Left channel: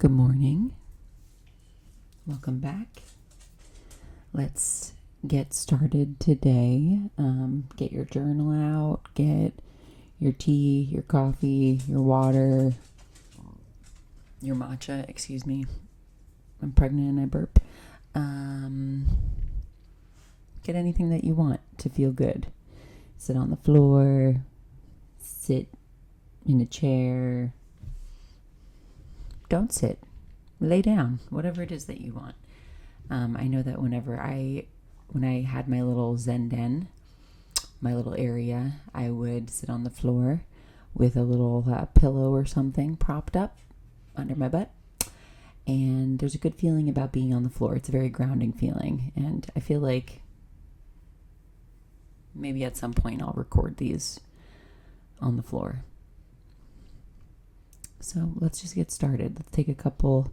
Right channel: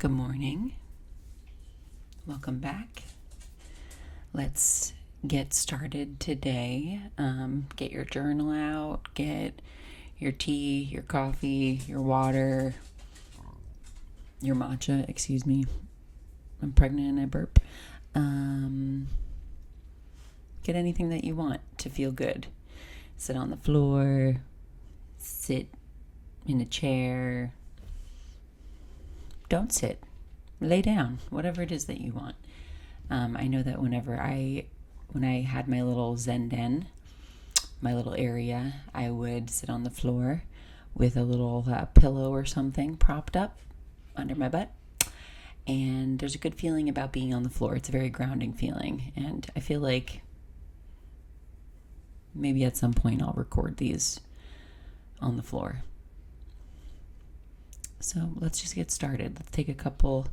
Good morning. Welcome back. Let's get started today. Get your journal out, get your tea, your coffee, your water, your matcha, excuse me. I'm pregnant and I burp. Get anything that you want to feel good. Sit on the floor, sit in a chair. Don't sit. Lay down, whatever it is that you want. I know that when I had my little Zen den, my little area, I would sit on the floor with a little pillow or something propped up under my butt. And there's a good feeling about being on the floor. It's a very grounding feeling. And I feel like maybe at some point I'll record these on the floor. So let's just get started. Let's take a couple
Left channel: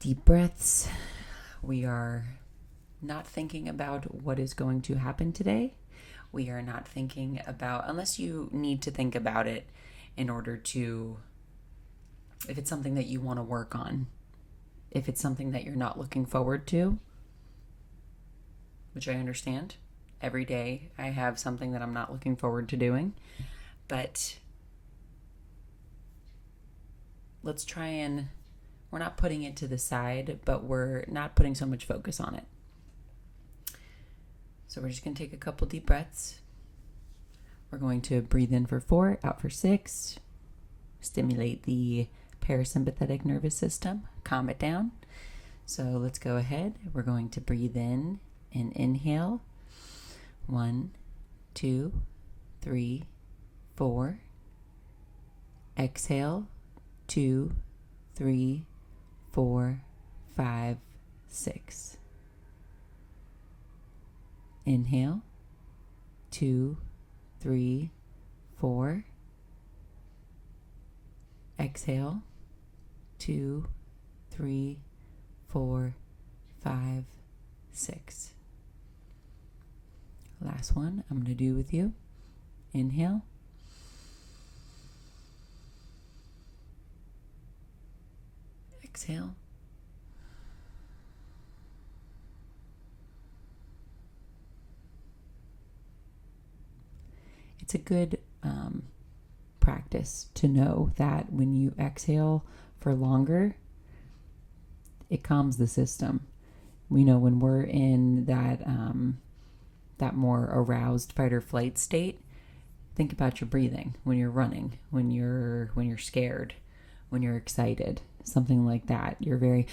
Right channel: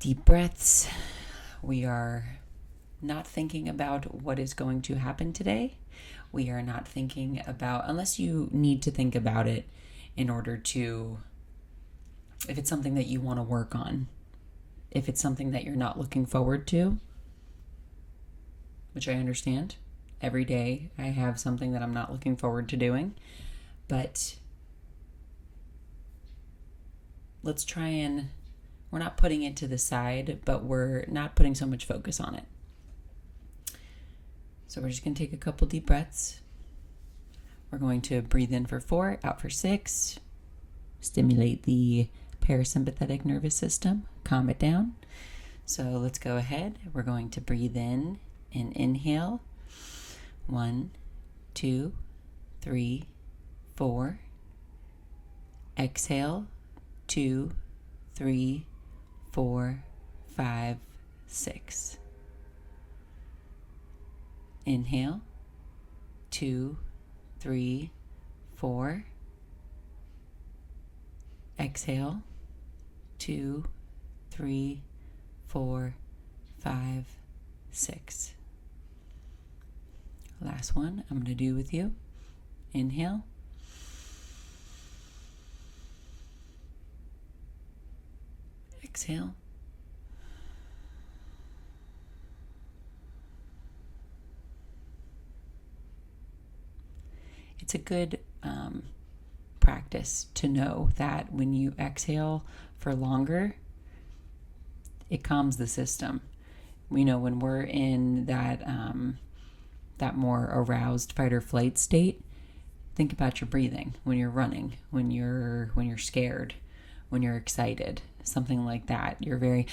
deep breaths. We are not thinking about what is going to happen today. We are not thinking about, unless you need to think about it in order to, if it's something that you want to work on, if it's something that you're not looking forward to, which I understand. Every day I have something that I'm not looking forward to doing, but let's try and, we're not putting it to the side, but we're not putting so much focus on it. So we're just going to take a couple deep breaths. We're going to breathe in for 4, out for 6, stimulate the parasympathetic nervous system, calm it down. So let's go ahead. We're going to breathe in and inhale. 1, 2, 3, 4. Exhale. 2, 3, 4, 5, 6. Inhale. 2, 3, 4. Exhale. 2, 3, 4, 5, 6. Last one I'm going to do with you. Inhale. Exhale. It's a good practice to know that when you exhale for longer, it calms the system. We know when we're in that more aroused fight or flight state, think about your breathing when you're running, when you're scared, when you're excited. Something like that. You're very,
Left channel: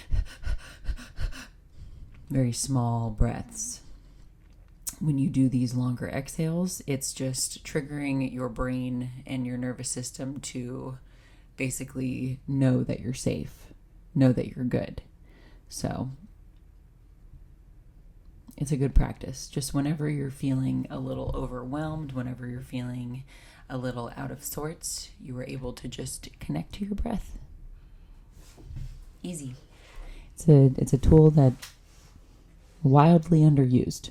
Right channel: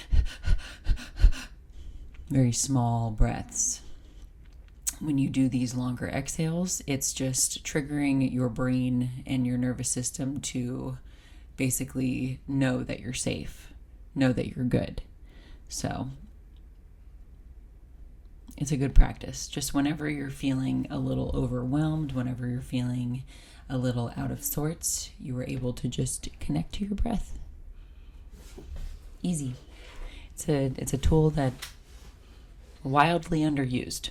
very small breaths. When you do these longer exhales, it's just triggering your brain and your nervous system to basically know that you're safe, know that you're good. So it's a good practice. Just whenever you're feeling a little overwhelmed, whenever you're feeling a little out of sorts, you are able to just connect to your breath. Easy. It's a tool that wildly underused.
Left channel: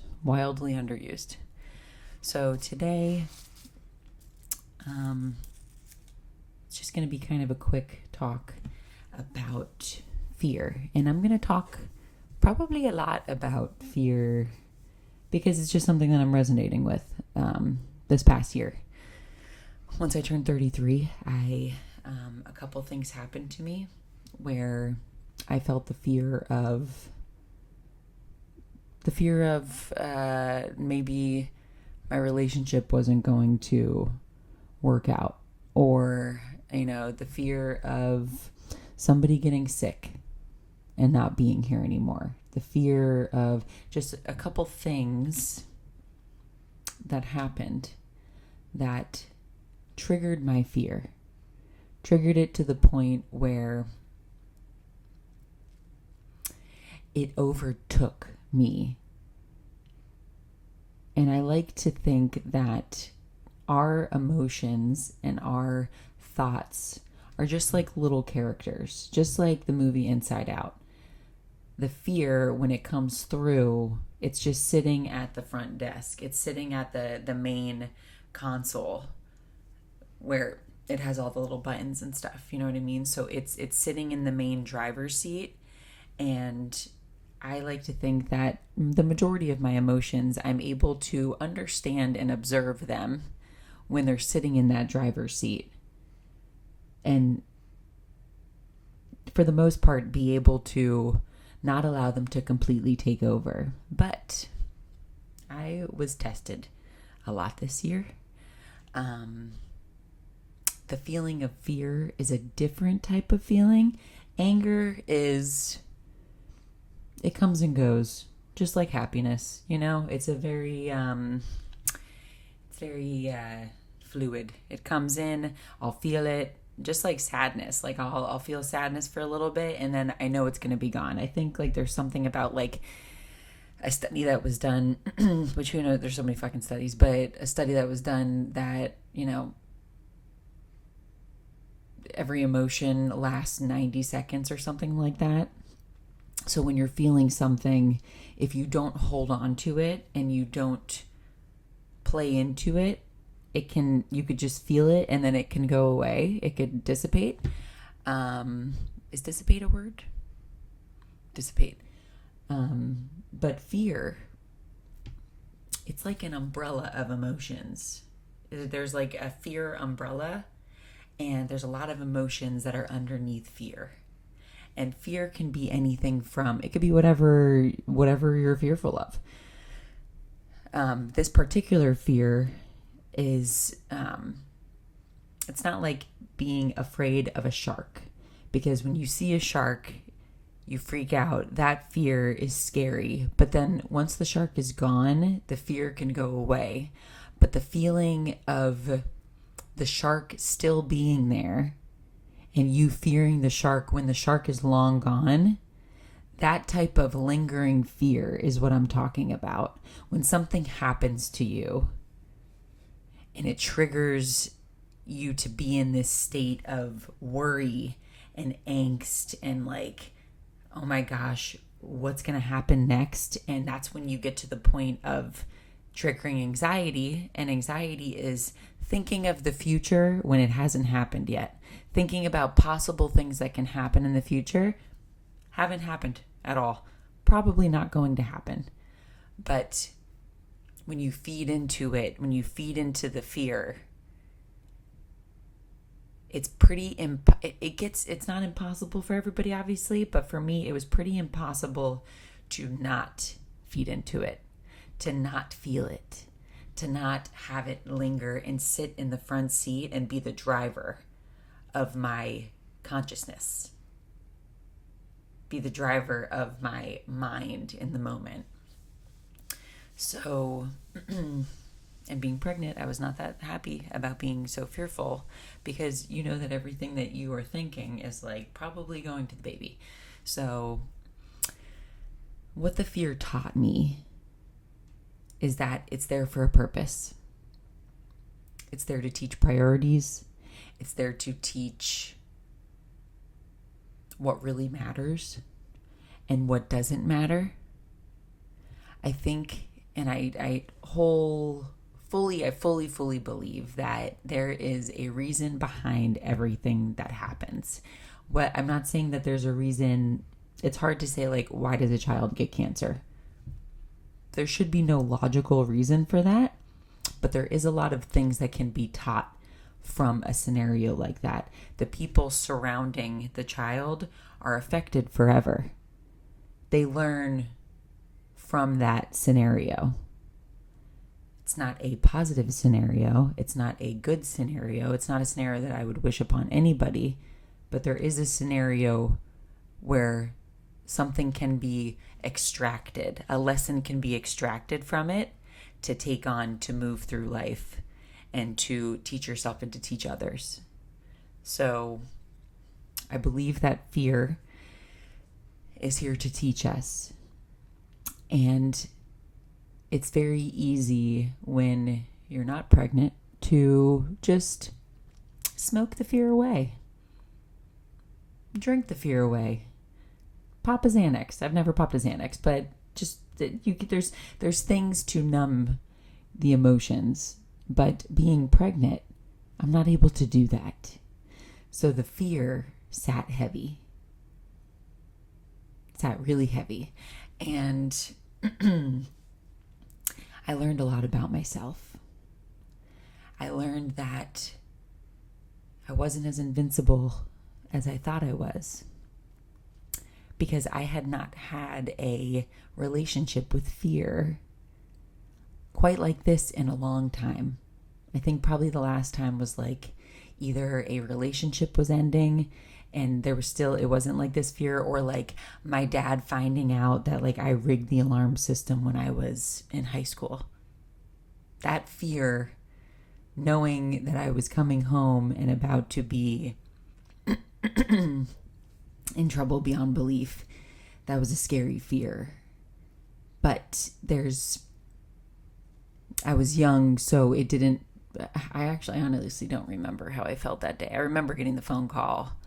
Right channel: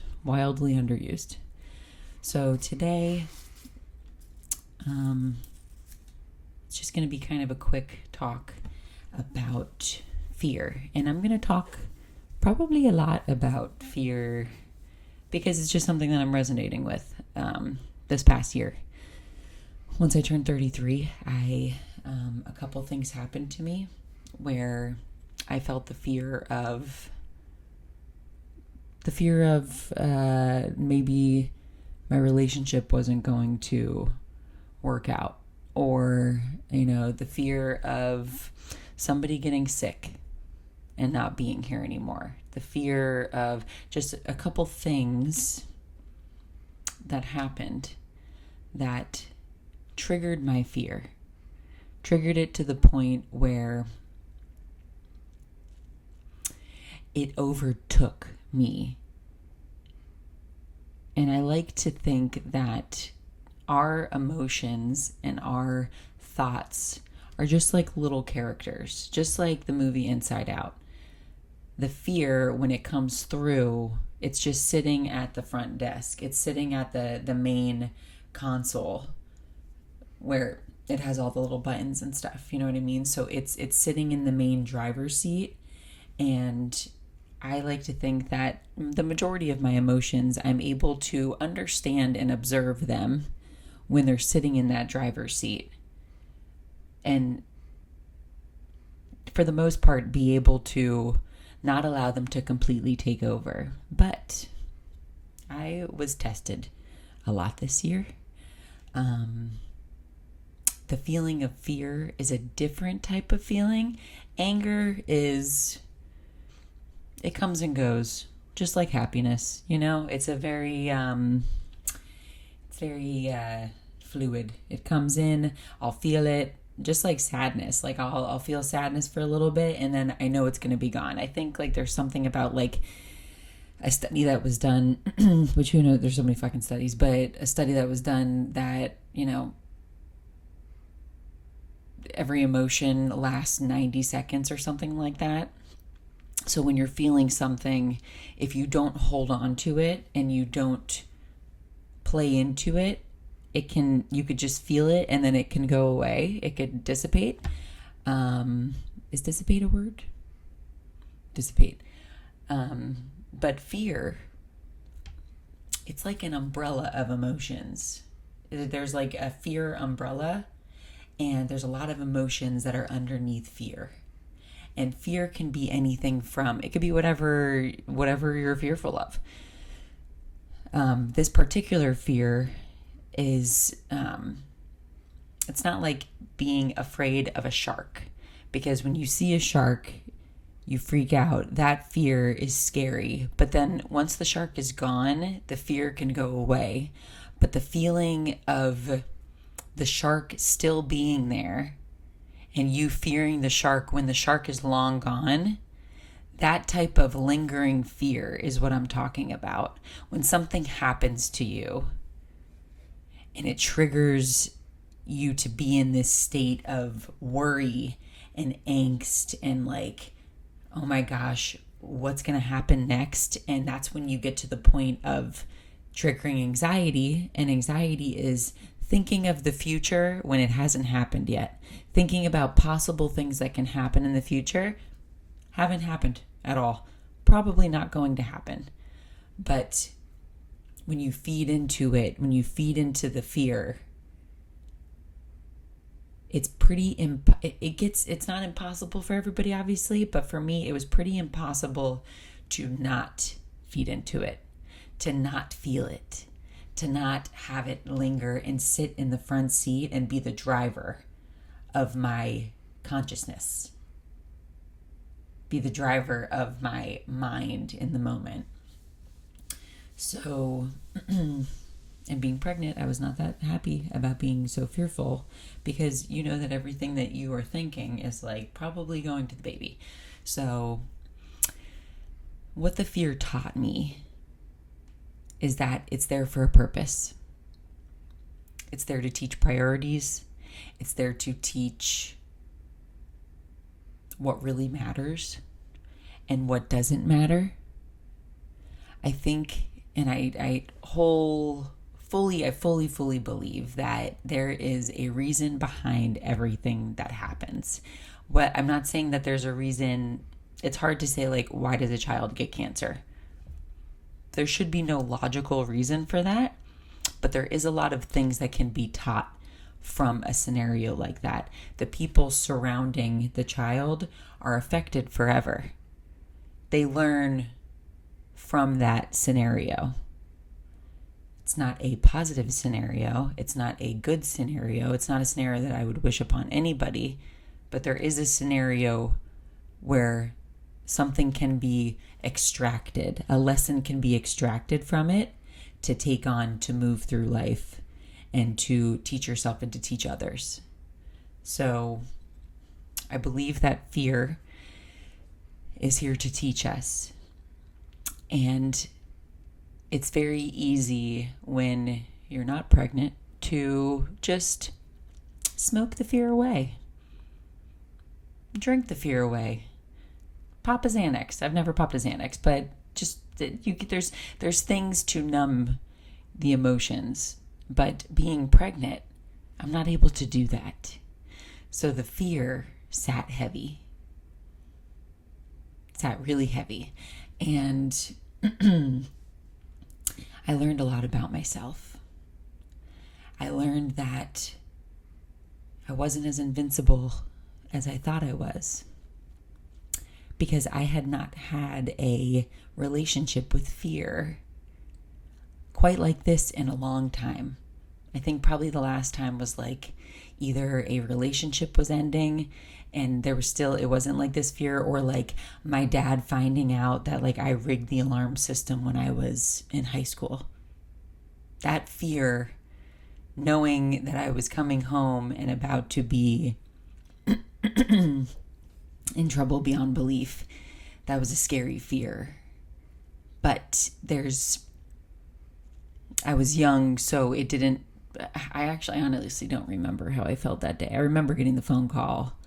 So today, it's just going to be kind of a quick talk about fear. And I'm going to talk probably a lot about fear because it's just something that I'm resonating with this past year. Once I turned 33, a couple things happened to me where I felt the fear of maybe my relationship wasn't going to work out, or the fear of somebody getting sick and not being here anymore, the fear of just a couple things that happened that triggered my fear, triggered it to the point where it overtook me. And I like to think that our emotions and our thoughts are just like little characters, just like the movie Inside Out. The fear, when it comes through, it's just sitting at the front desk. It's sitting at the main console where it has all the little buttons and stuff, you know what I mean? So it's sitting in the main driver's seat, and I like to think that the majority of my emotions, I'm able to understand and observe them when they're sitting in that driver's seat. And for the most part, be able to not allow them to completely take over. But I was tested a lot this year. The feeling of fear is a different type of feeling. Anger is, it comes and goes, just like happiness. You know, it's a very, fluid. It comes in, I'll feel it, just like sadness. Like I'll feel sadness for a little bit, and then I know it's going to be gone. I think like there's something about like a study that was done, which you know, there's so many fucking studies, but a study that was done that, you know, every emotion lasts 90 seconds or something like that. So when you're feeling something, if you don't hold on to it and you don't play into it, you could just feel it and then it can go away. It could dissipate. Is dissipate a word? Dissipate. But fear, it's like an umbrella of emotions. There's like a fear umbrella, and there's a lot of emotions that are underneath fear. And fear can be anything from, it could be whatever you're fearful of. This particular fear is, it's not like being afraid of a shark, because when you see a shark, you freak out. That fear is scary. But then once the shark is gone, the fear can go away. But the feeling of the shark still being there and you fearing the shark when the shark is long gone, that type of lingering fear is what I'm talking about. When something happens to you and it triggers you to be in this state of worry and angst and like, oh my gosh, what's going to happen next? And that's when you get to the point of triggering anxiety. And anxiety is thinking of the future when it hasn't happened yet. Thinking about possible things that can happen in the future haven't happened at all. Probably not going to happen. But when you feed into it, when you feed into the fear, it's it's not impossible for everybody, obviously, but for me, it was pretty impossible to not feed into it, to not feel it, to not have it linger and sit in the front seat and be the driver of my consciousness, be the driver of my mind in the moment. So, and being pregnant, I was not that happy about being so fearful, because you know that everything that you are thinking is like probably going to the baby. So what the fear taught me is that it's there for a purpose. It's there to teach priorities. It's there to teach what really matters and what doesn't matter. I think, and I fully believe that there is a reason behind everything that happens. I'm not saying that there's a reason. It's hard to say, like, why does a child get cancer? There should be no logical reason for that, but there is a lot of things that can be taught from a scenario like that. The people surrounding the child are affected forever. They learn from that scenario. It's not a positive scenario. It's not a good scenario. It's not a scenario that I would wish upon anybody, but there is a scenario where something can be extracted. A lesson can be extracted from it to take on, to move through life and to teach yourself and to teach others. So I believe that fear is here to teach us. And it's very easy when you're not pregnant to just smoke the fear away. Drink the fear away. Pop a Xanax. I've never popped a Xanax, but just there's things to numb the emotions. But being pregnant, I'm not able to do that. So the fear sat heavy. Sat really heavy. And I learned a lot about myself. I learned that I wasn't as invincible as I thought I was, because I had not had a relationship with fear quite like this in a long time. I think probably the last time was like either a relationship was ending and there was still, it wasn't like this fear, or like my dad finding out that like I rigged the alarm system when I was in high school. That fear, knowing that I was coming home and about to be in trouble beyond belief, that was a scary fear. But I was young, so it didn't, I honestly don't remember how I felt that day. I remember getting the phone call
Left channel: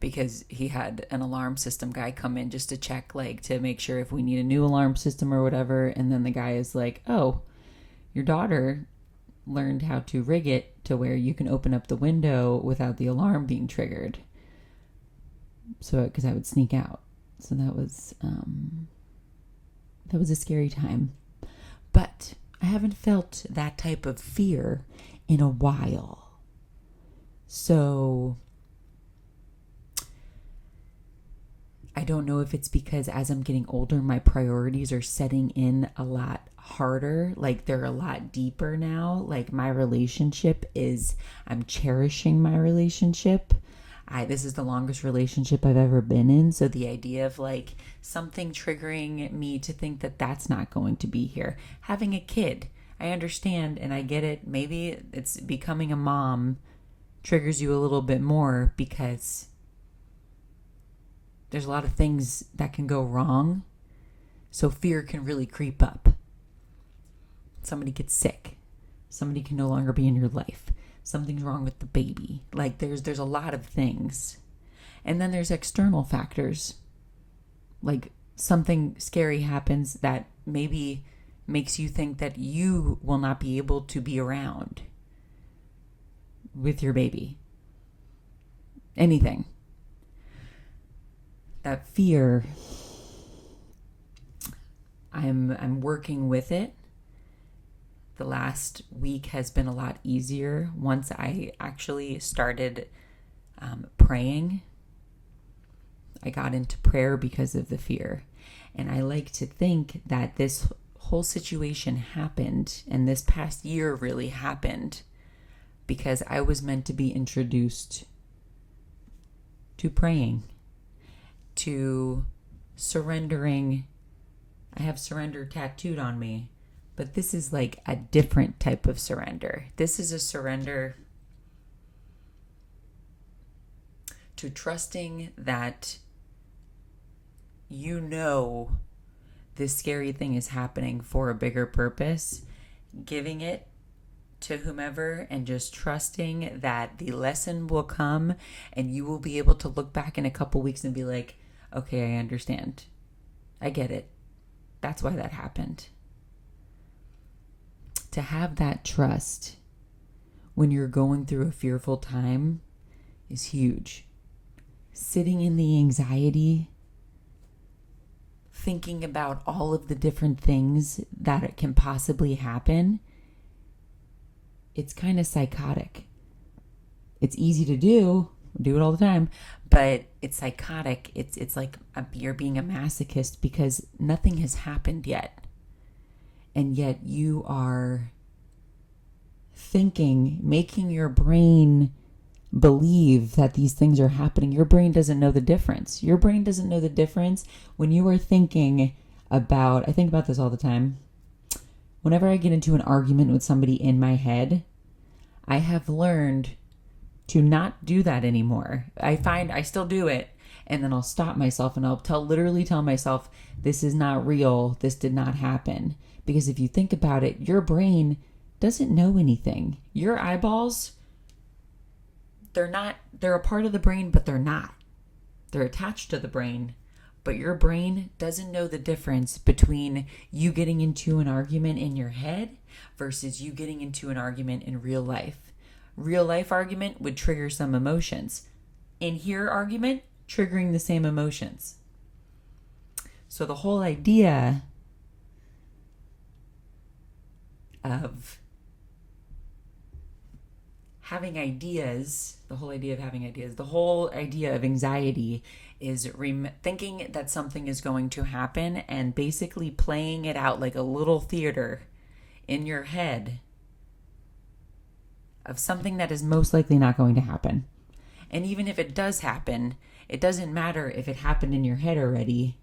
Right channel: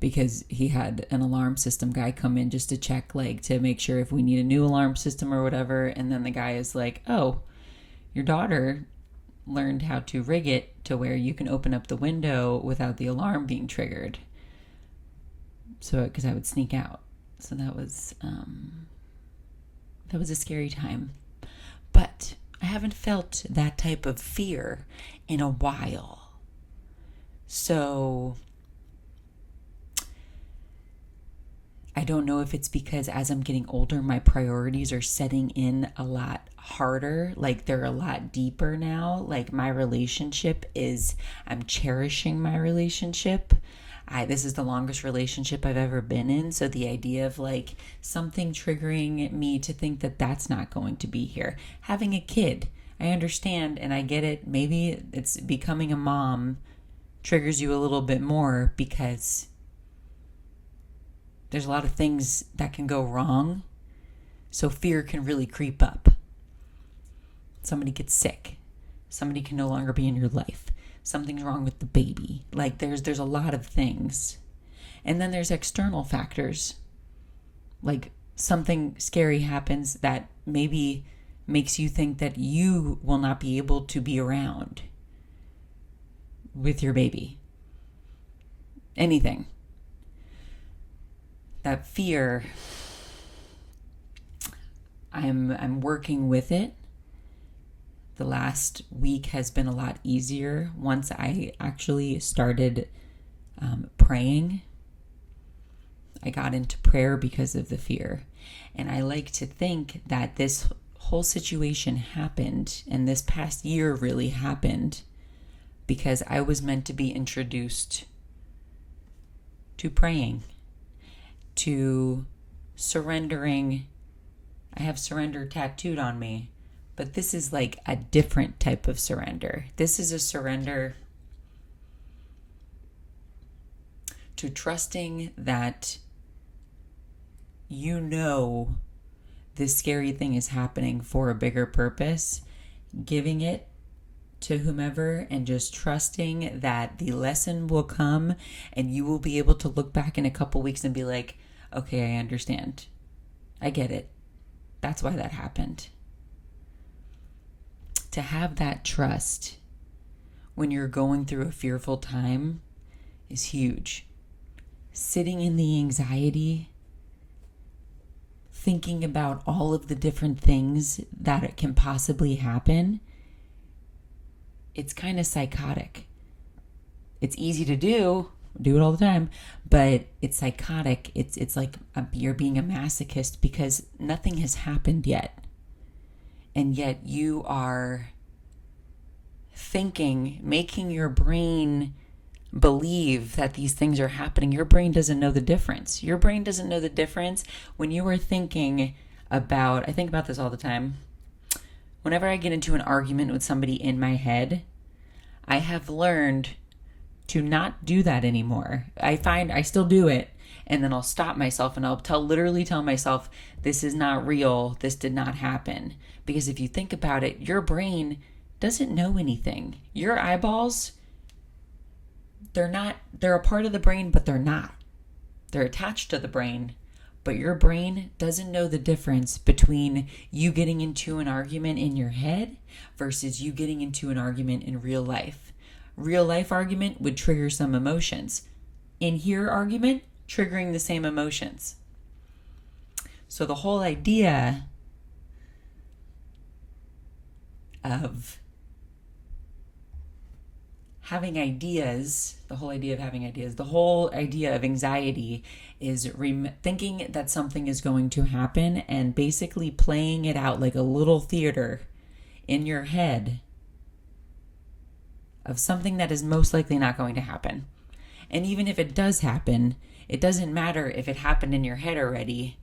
because he had an alarm system guy come in just to check, like, to make sure if we need a new alarm system or whatever. And then the guy is like, oh, your daughter learned how to rig it to where you can open up the window without the alarm being triggered. So, because I would sneak out. So that was a scary time. But I haven't felt that type of fear in a while. So I don't know if it's because as I'm getting older, my priorities are setting in a lot harder. Like they're a lot deeper now. Like my relationship is, I'm cherishing my relationship. This is the longest relationship I've ever been in. So the idea of like something triggering me to think that that's not going to be here. Having a kid, I understand and I get it. Maybe it's becoming a mom triggers you a little bit more because there's a lot of things that can go wrong. So fear can really creep up. Somebody gets sick. Somebody can no longer be in your life. Something's wrong with the baby. Like there's a lot of things. And then there's external factors. Like something scary happens that maybe makes you think that you will not be able to be around with your baby. Anything. That fear, I'm working with it. The last week has been a lot easier once I actually started praying. I got into prayer because of the fear. And I like to think that this whole situation happened, and this past year really happened, because I was meant to be introduced to praying, to surrendering. I have surrender tattooed on me. But this is like a different type of surrender. This is a surrender to trusting that you know this scary thing is happening for a bigger purpose, giving it to whomever and just trusting that the lesson will come and you will be able to look back in a couple weeks and be like, okay, I understand. I get it. That's why that happened. To have that trust when you're going through a fearful time is huge. Sitting in the anxiety, thinking about all of the different things that it can possibly happen, it's kind of psychotic. It's easy to do it all the time, but it's psychotic. It's like you're being a masochist because nothing has happened yet. And yet you are thinking, making your brain believe that these things are happening. Your brain doesn't know the difference. Your brain doesn't know the difference when you are thinking about, I think about this all the time. Whenever I get into an argument with somebody in my head, I have learned to not do that anymore. I find I still do it. And then I'll stop myself and I'll literally tell myself, this is not real. This did not happen. Because if you think about it, your brain doesn't know anything. Your eyeballs, they're a part of the brain, but they're not. They're attached to the brain, But your brain doesn't know the difference between you getting into an argument in your head versus you getting into an argument in real life. Real life argument would trigger some emotions. In here argument, triggering the same emotions. So the whole idea of having ideas, the whole idea of anxiety is thinking that something is going to happen and basically playing it out like a little theater in your head of something that is most likely not going to happen. And even if it does happen, it doesn't matter if it happened in your head already.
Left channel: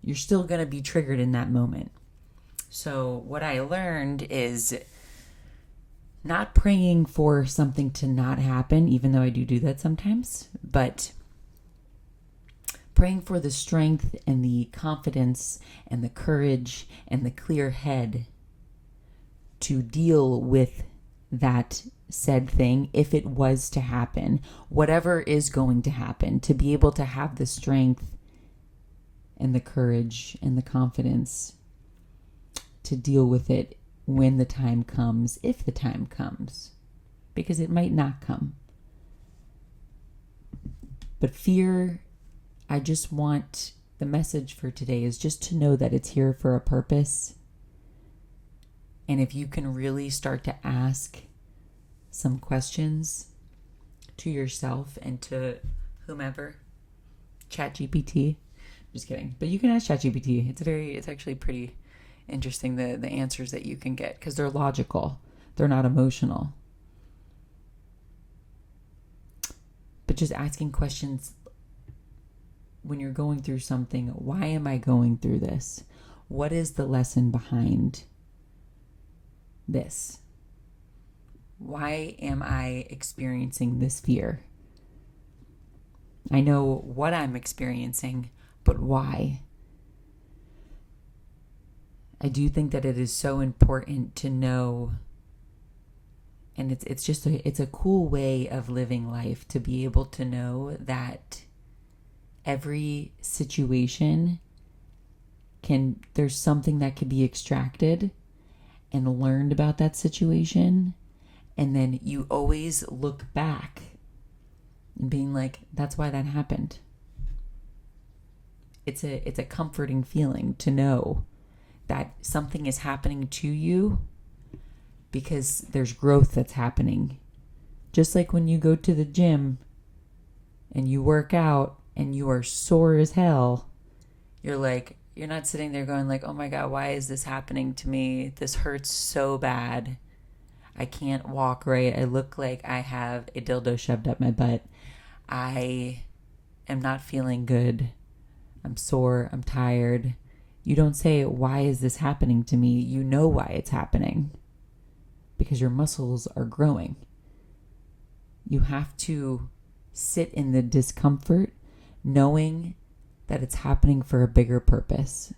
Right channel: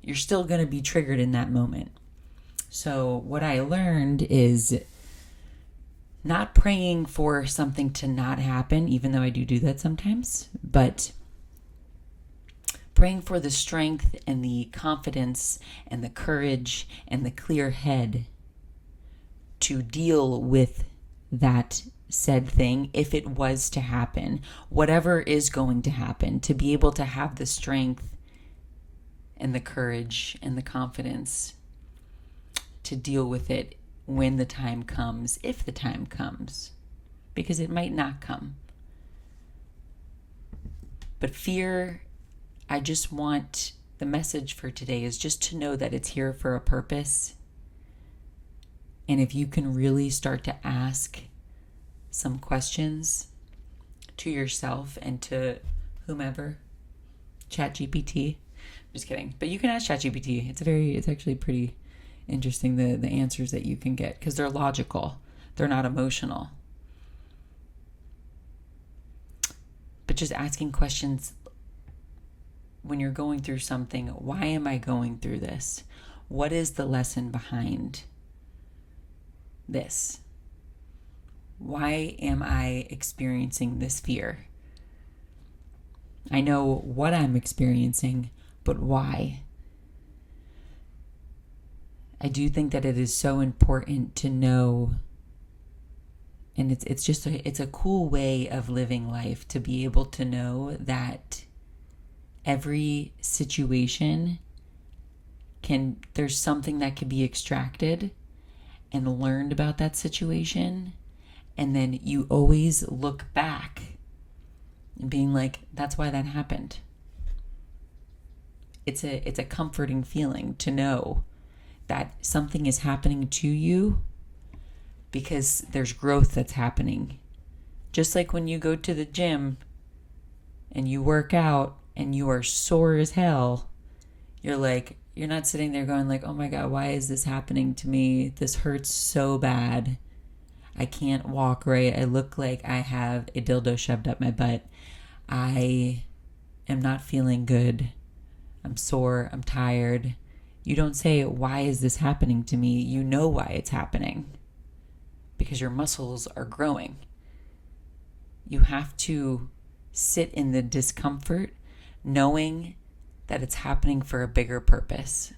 You're still going to be triggered in that moment. So what I learned is not praying for something to not happen, even though I do that sometimes, but praying for the strength and the confidence and the courage and the clear head to deal with that said thing if it was to happen, whatever is going to happen, to be able to have the strength and the courage and the confidence to deal with it when the time comes, if the time comes, because it might not come. But fear, I just want the message for today is just to know that it's here for a purpose. And if you can really start to ask some questions to yourself and to whomever, ChatGPT, just kidding, but you can ask ChatGPT. It's actually pretty interesting, the answers that you can get, because they're logical, they're not emotional. But just asking questions when you're going through something. Why am I going through this? What is the lesson behind this? Why am I experiencing this fear? I know what I'm experiencing, but why? I do think that it is so important to know, and it's a cool way of living life to be able to know that every situation there's something that can be extracted and learned about that situation, and then you always look back and being like, that's why that happened. It's a comforting feeling to know that something is happening to you because there's growth that's happening. Just like when you go to the gym and you work out and you are sore as hell, you're not sitting there going like, oh my God, why is this happening to me? This hurts so bad. I can't walk right. I look like I have a dildo shoved up my butt. I am not feeling good. I'm sore. I'm tired. You don't say, why is this happening to me? You know why it's happening. Because your muscles are growing. You have to sit in the discomfort knowing that it's happening for a bigger purpose.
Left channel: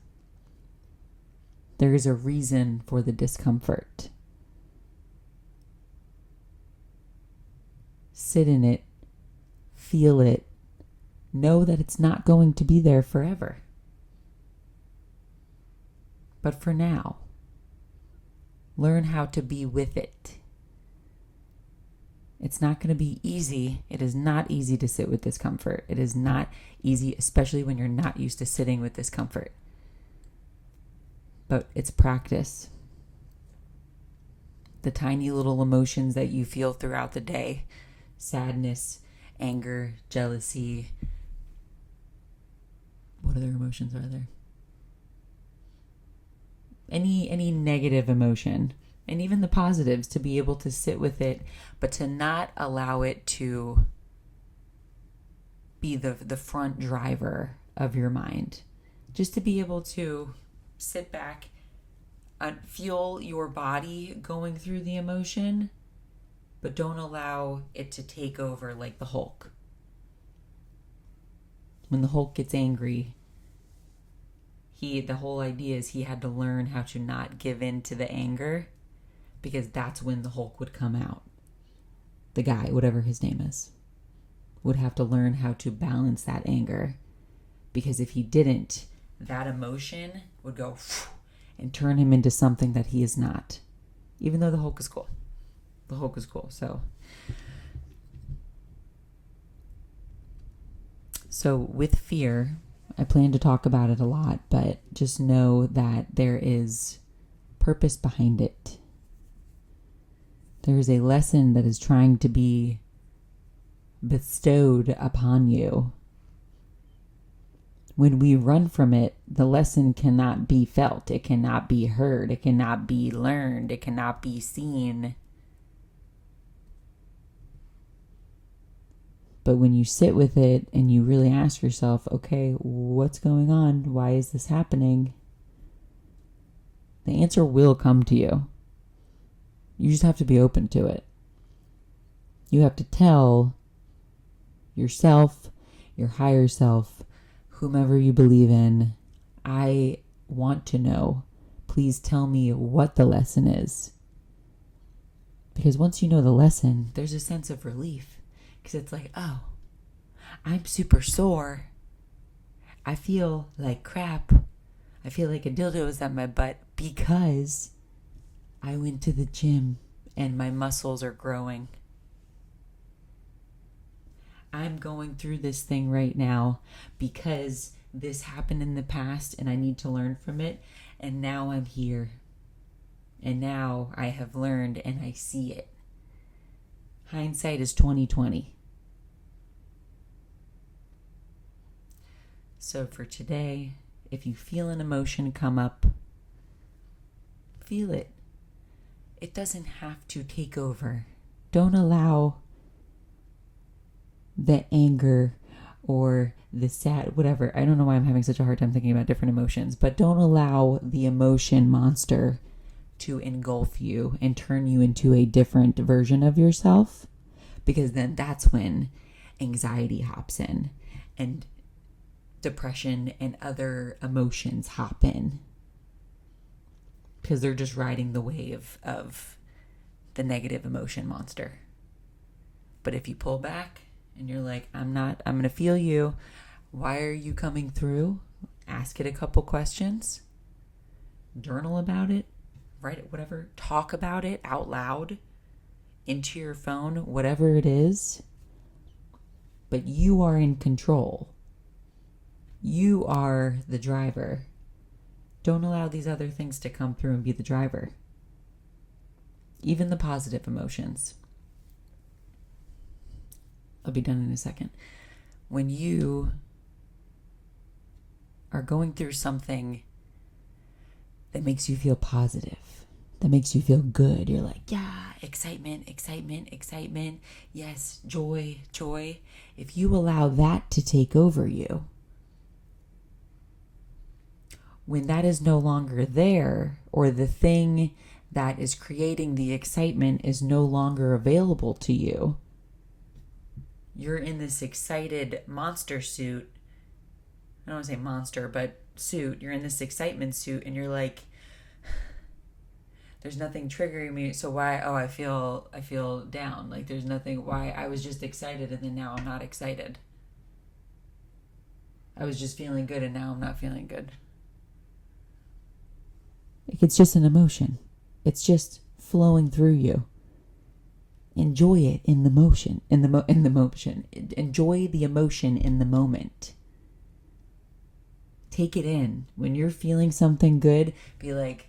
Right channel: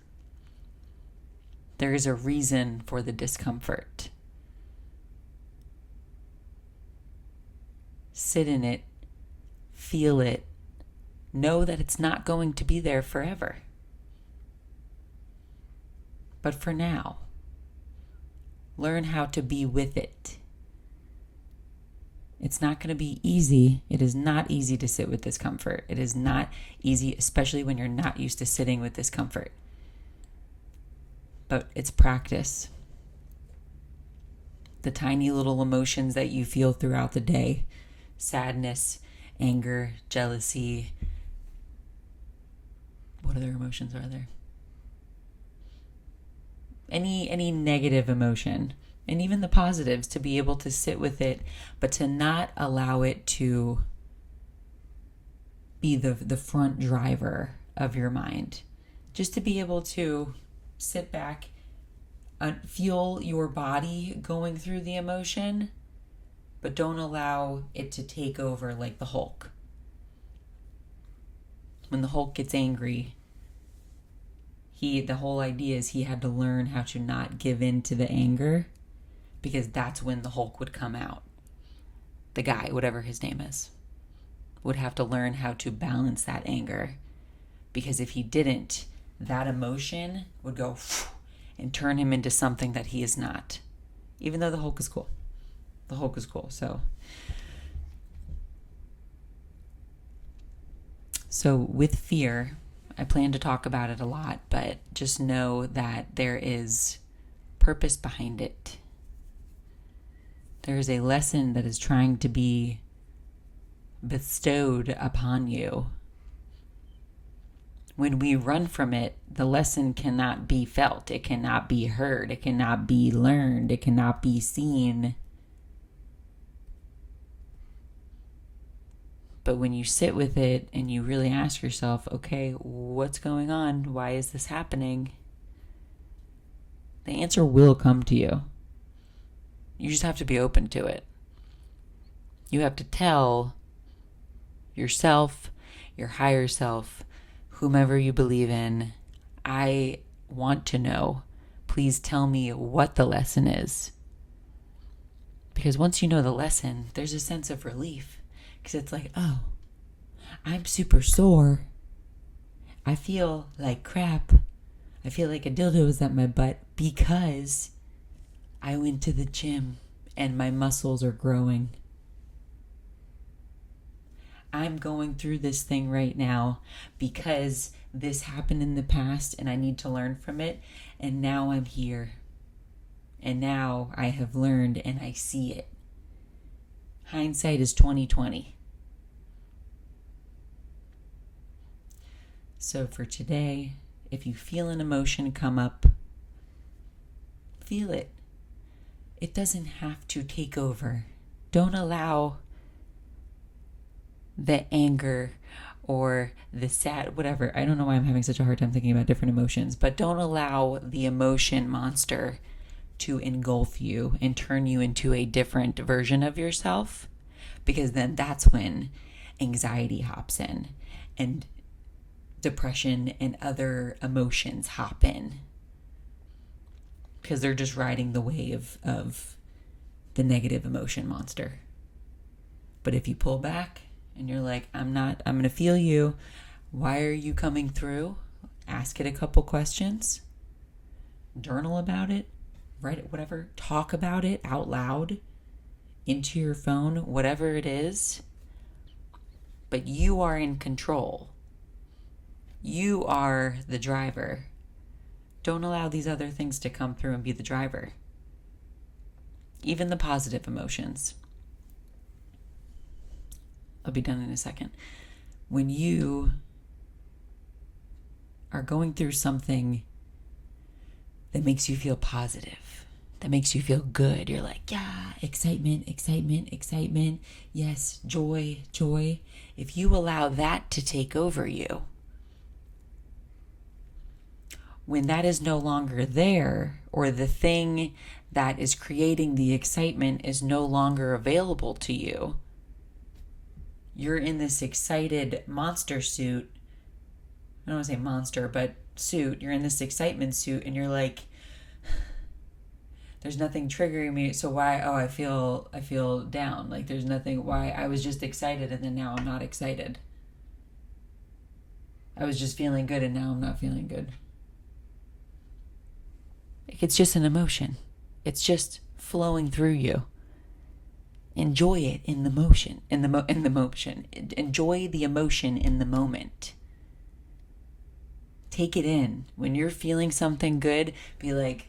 There is a reason for the discomfort. Sit in it. Feel it. Know that it's not going to be there forever. But for now, learn how to be with it. It's not going to be easy. It is not easy to sit with discomfort. It is not easy, especially when you're not used to sitting with discomfort. But it's practice. The tiny little emotions that you feel throughout the day, sadness, anger, jealousy. What other emotions are there? Any negative emotion, and even the positives, to be able to sit with it, but to not allow it to be the front driver of your mind. Just to be able to sit back, feel your body going through the emotion, but don't allow it to take over like the Hulk. When the Hulk gets angry, the whole idea is he had to learn how to not give in to the anger, because that's when the Hulk would come out. The guy, whatever his name is, would have to learn how to balance that anger, Because if he didn't, that emotion would go and turn him into something that he is not. Even though the Hulk is cool. The Hulk is cool. So with fear, I plan to talk about it a lot, but just know that there is purpose behind it. There is a lesson that is trying to be bestowed upon you. When we run from it, the lesson cannot be felt. It cannot be heard. It cannot be learned. It cannot be seen. But when you sit with it and you really ask yourself, okay, what's going on? Why is this happening? The answer will come to you. You just have to be open to it. You have to tell yourself, your higher self, whomever you believe in, I want to know. Please tell me what the lesson is. Because once you know the lesson, there's a sense of relief. Because it's like, oh, I'm super sore. I feel like crap. I feel like a dildo is at my butt because I went to the gym and my muscles are growing. I'm going through this thing right now because this happened in the past and I need to learn from it. And now I'm here. And now I have learned and I see it. Hindsight is 20/20. So for today, if you feel an emotion come up, feel it. It doesn't have to take over. Don't allow the anger or the sad, whatever. I don't know why I'm having such a hard time thinking about different emotions, but don't allow the emotion monster to engulf you and turn you into a different version of yourself, because then that's when anxiety hops in and depression and other emotions hop in, because they're just riding the wave of the negative emotion monster. But if you pull back and you're like, I'm going to feel you. Why are you coming through? Ask it a couple questions. Journal about it. Write it, whatever. Talk about it out loud into your phone, whatever it is. But you are in control. You are the driver. Don't allow these other things to come through and be the driver. Even the positive emotions. I'll be done in a second. When you are going through something that makes you feel positive, that makes you feel good, you're like, yeah, excitement, excitement, excitement. Yes, joy, joy. If you allow that to take over you, when that is no longer there, or the thing that is creating the excitement is no longer available to you, you're in this excited monster suit. I don't want to say monster, but suit. You're in this excitement suit and you're like, there's nothing triggering me. So why? Oh, I feel down. Like there's nothing. Why? I was just excited and then now I'm not excited. I was just feeling good and now I'm not feeling good. It's just an emotion. It's just flowing through you. Enjoy it in the motion, in the motion. Enjoy the emotion in the moment. Take it in. When you're feeling something good, be like,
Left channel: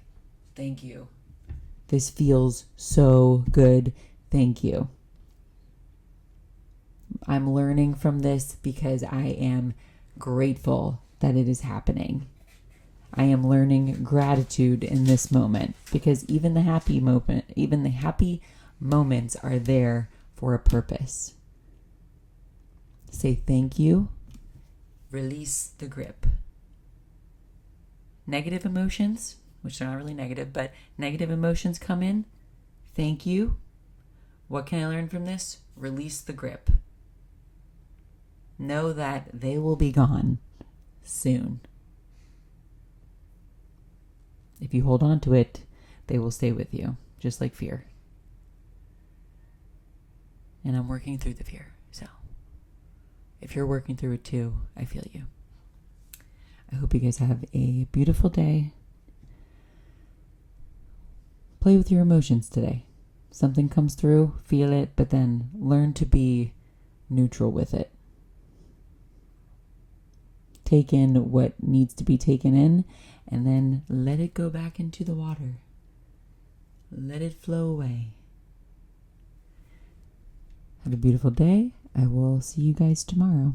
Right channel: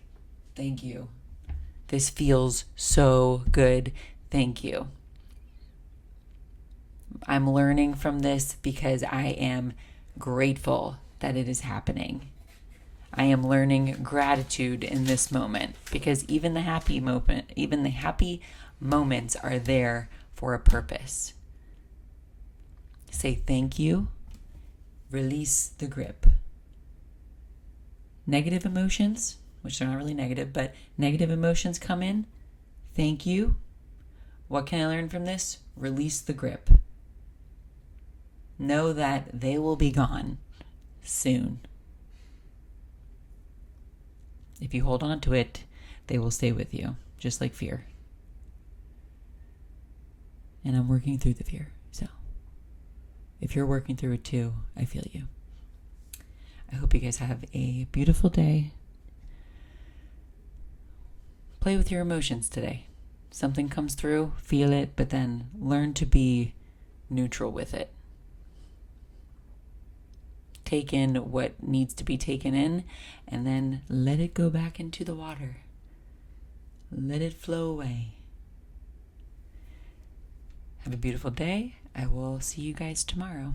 thank you. This feels so good. Thank you. I'm learning from this because I am grateful that it is happening. I am learning gratitude in this moment because even the happy moments are there for a purpose. Say thank you. Release the grip. Negative emotions, which are not really negative, but negative emotions come in. Thank you. What can I learn from this? Release the grip. Know that they will be gone soon. If you hold on to it, they will stay with you, just like fear. And I'm working through the fear. So if you're working through it too, I feel you. I hope you guys have a beautiful day. Play with your emotions today. Something comes through, feel it, but then learn to be neutral with it. Take in what needs to be taken in, and then let it go back into the water. Let it flow away. Have a beautiful day. I will see you guys tomorrow.